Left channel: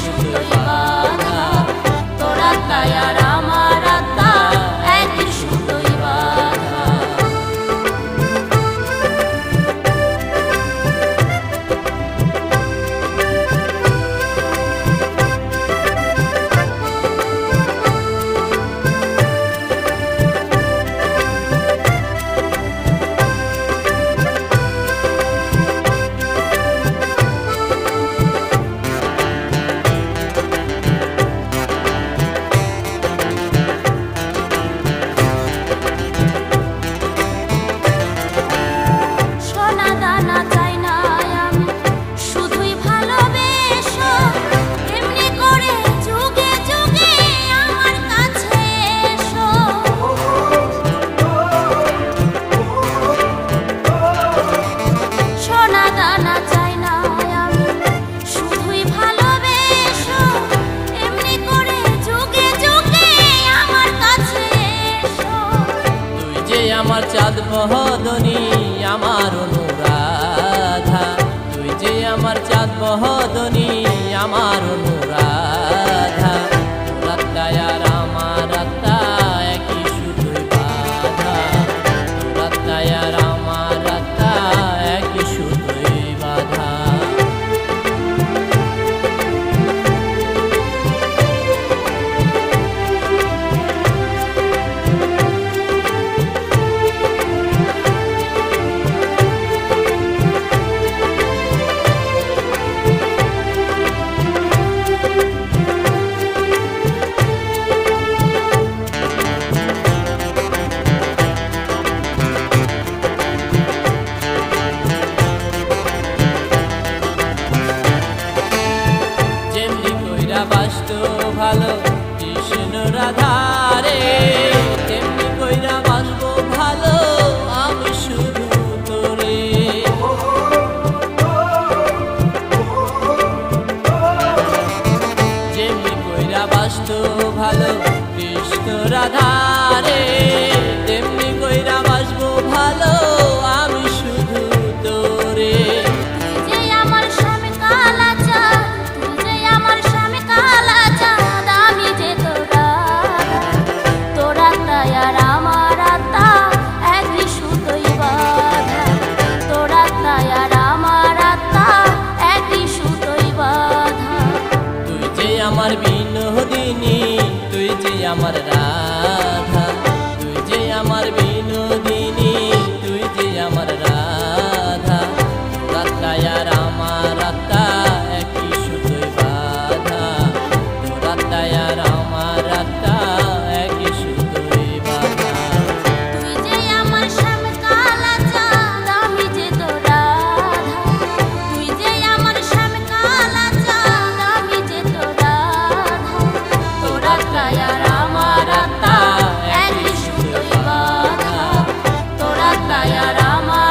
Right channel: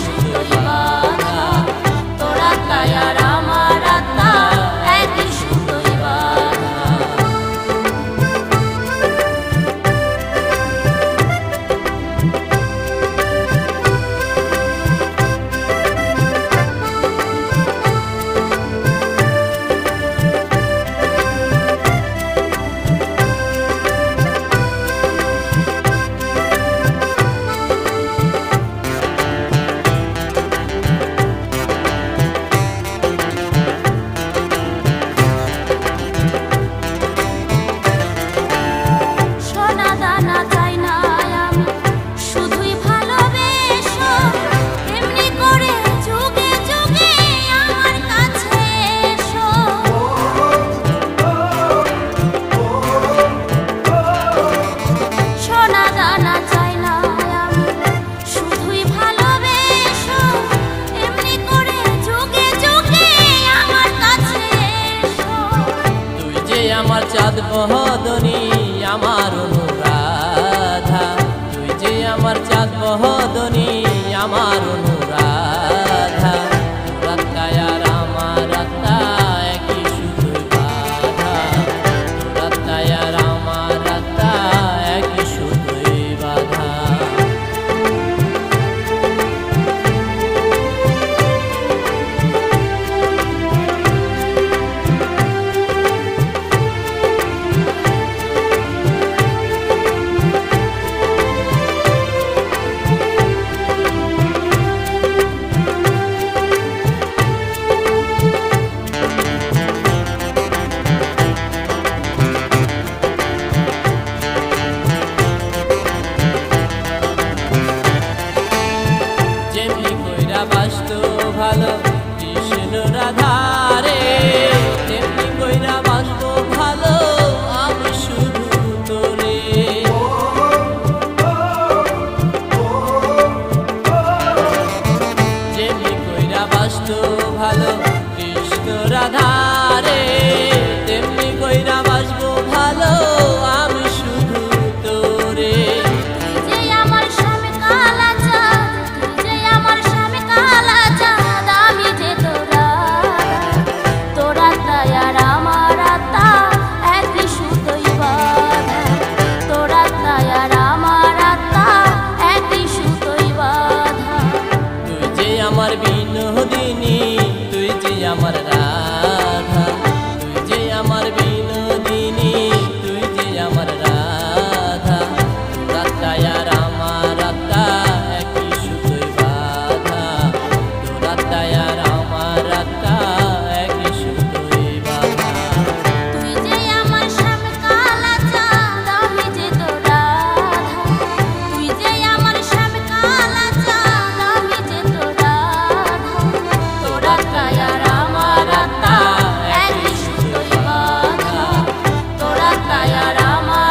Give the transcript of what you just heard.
সুতোই বাঁধা, তোর আত্মায় আর আমার আত্মা একই সুতোই বাঁধা। দানা চাই না আমি, শুধুই ভালোবেসো, এমনি করে যুগে যুগে আমার কাছে এসো। সোনা দানা চাই না আমি, শুধুই ভালোবেসো, এমনি করে যুগে যুগে আমার কাছে এসো। তুই যে আমার চাঁদ বহদনী, আমার অনুরাধা, তুই যে আমার চাঁদ বহদনী, আমার অনুরাধা, তোর আত্মায় আর আমার আত্মা একই সুতোয় বাঁধা, তোর আত্মায় আর আমার আত্মা একই সুতোয় বাঁধা। যেমনি কইরা বাসতো ভালো কৃষ্ণ রাধারে, তেমনি কইরা বাসবো ভালো আমি শুধু তোরে। যেমনি কইরা বাসতো ভালো কৃষ্ণ রাধারে, তেমনি কইরা বাসবো ভালো আমি শুধু তোরে। তুই যে আমার স্বামী কালা চাঁদ, তুই যে আমার স্বামী কালা চাঁদ, আমি যে তোরা, তোর আত্মায় আর আমার আত্মা একই সুতোই বাঁধা, তোর আত্মায় আর আমার আত্মা একই সুতোই বাঁধা। তুই যে আমার বিনোদিনী, তুই যে আমার রাধা, তুই যে আমার বিনোদিনী, তুই যে আমার রাধা, তোর আত্মায় আর আমার আত্মা একই সুতোয় বাঁধা, তোর আত্মায় আর আমার আত্মা একই সুতোয় বাঁধা। তুই যে আমার স্বামী কালা চাঁদ, আমি যে তোর রাধা, তুই যে আমার স্বামী কালা চাঁদ, আমি যে তোর রাধা, তোর আত্মায় আর আমার আত্মা একই সুতোই বাঁধা, তোর আত্মায় আর আমার